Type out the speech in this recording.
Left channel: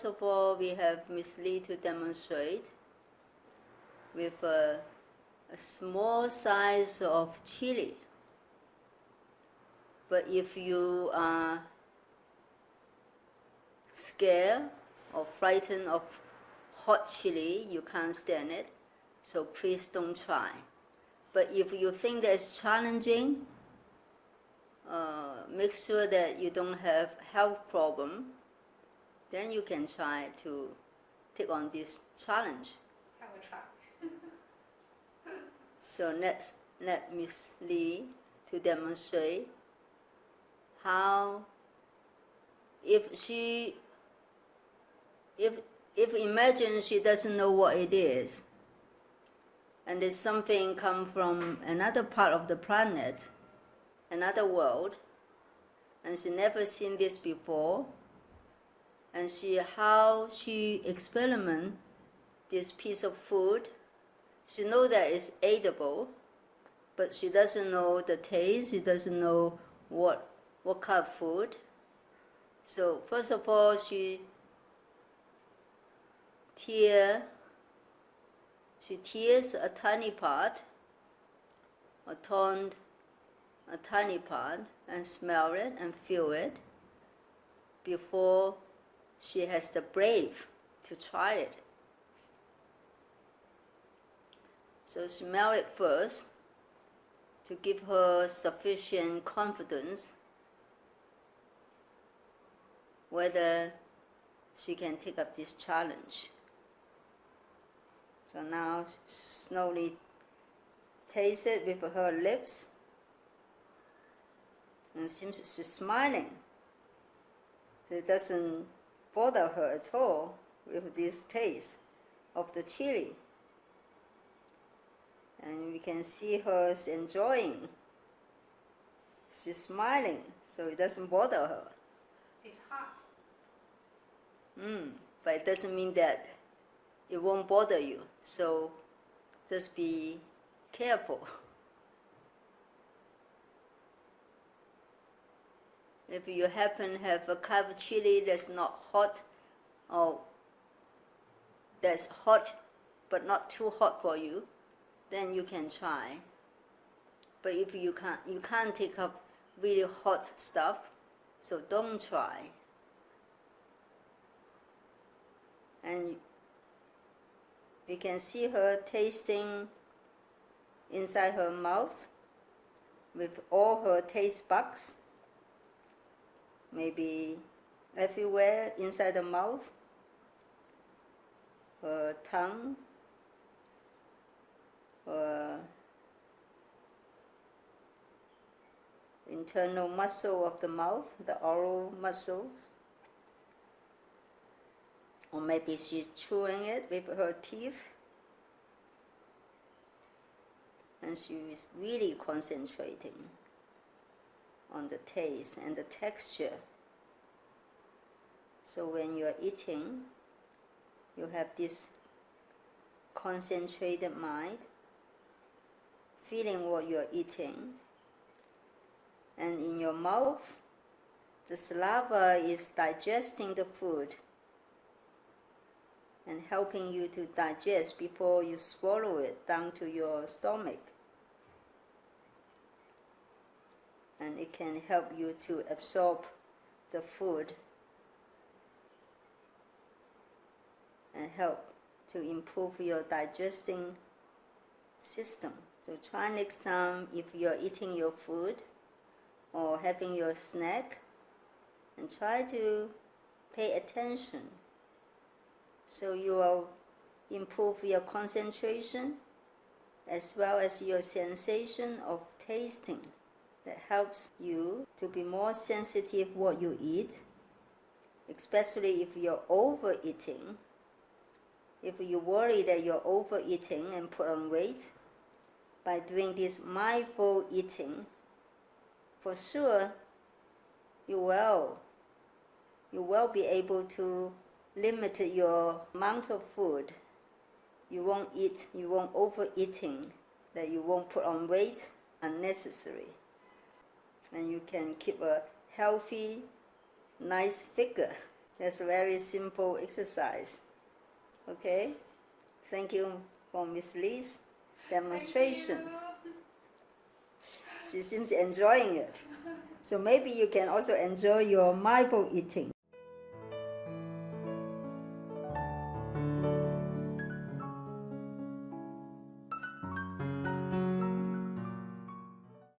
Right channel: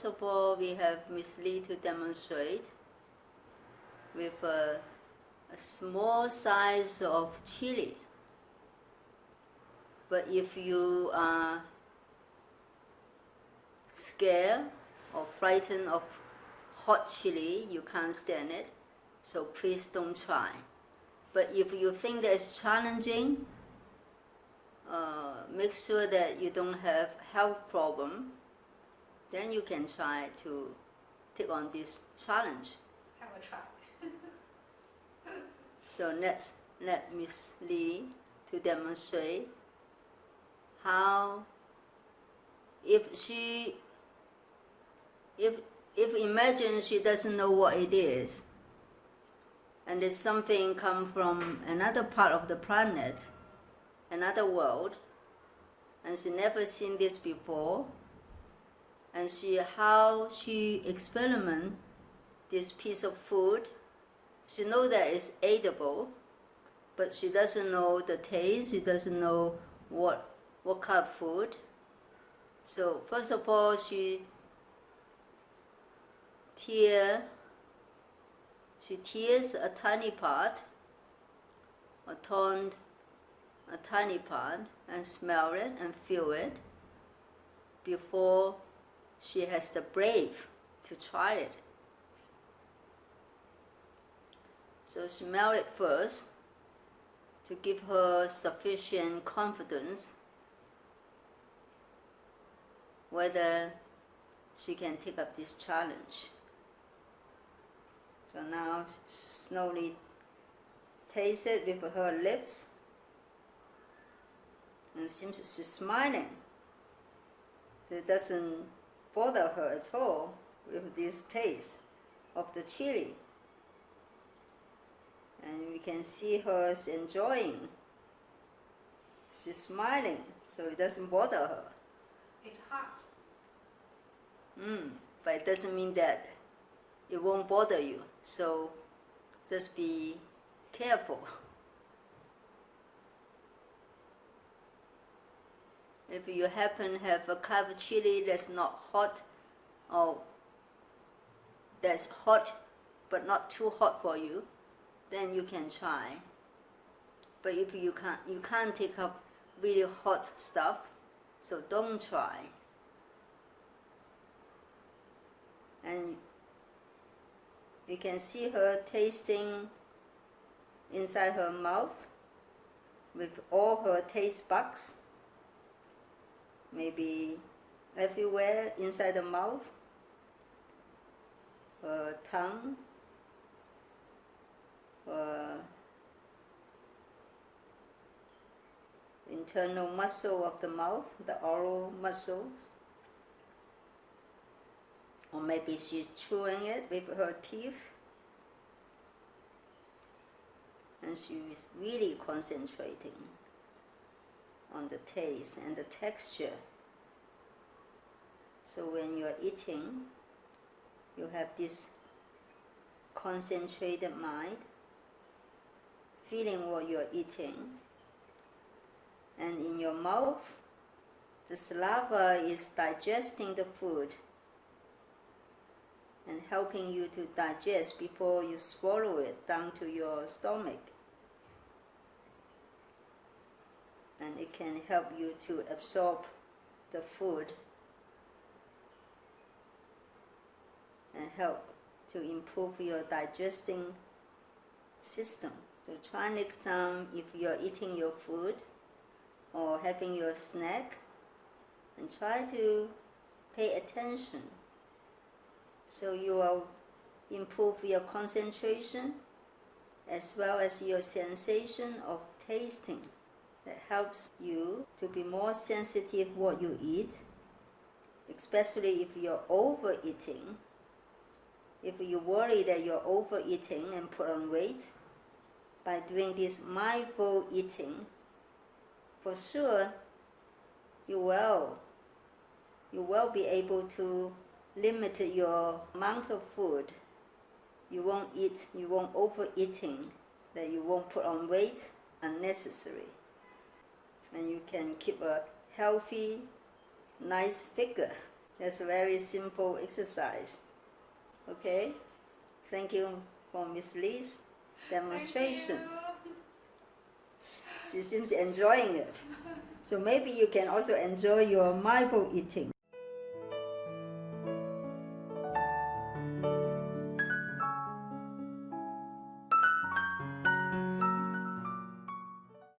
First of all, we have Miss Lee to demonstrate with a small size of chili. But if you are scared or frightened of hot chili, you can't stand it, so please don't try. But if you think that it's challenging, make sure that you don't have health problem, then you can try to take on this challenge. Have a try. So let Miss Lee to demonstrate how if imagine she doesn't know what it is, and it's something come from another part of the planet, another world, and she never seen this before, and see how she experiment this piece of food. She know that it's edible, but she doesn't know the taste, she doesn't know what kind of food. So first of all, she tears a tiny part, a tiny part, and smell it and feel it before she has the brave to try it. So smell it first to give her sufficient confidence whether she can take up this challenge. So now slowly taste it with her lips, and it seems she's smiling. So it doesn't bother her at all with this taste of the chili. And we can see her enjoying. She's smiling, so it doesn't bother her. It's hot. But it doesn't mean that it won't bother you. So just be careful. If you happen to have a kind of chili that's not hot, or that's hot but not too hot for you, then you can try. But if you can't take up really hot stuff, so don't try. And you can see her tasting inside her mouth with all her taste buds, maybe everywhere inside the mouth, her tongue, her internal muscle of the mouth, the oral muscles. Or maybe she's chewing it with her teeth, and she's really concentrating on the taste and the texture. So when you're eating, you have this concentrated mind, feeling what you're eating, and in your mouth, the saliva is digesting the food and helping you to digest before you swallow it down to your stomach. And it can help you to absorb the food and help to improve your digesting system. So try next time if you're eating your food or having your snack, and try to pay attention. So you will improve your concentration as well as your sensation of tasting. That helps you to be more sensitive what you eat, especially if you're overeating. If you worry that you're overeating and put on weight, by doing this mindful eating, for sure you will be able to limit your amount of food. You won't overeating, that you won't put on weight unnecessary. And you can keep a healthy, nice figure. That's a very simple exercise. Okay? Thank you for Miss Lee's demonstration. Thank you. She seems enjoying it. So maybe you can also enjoy your mindful eating.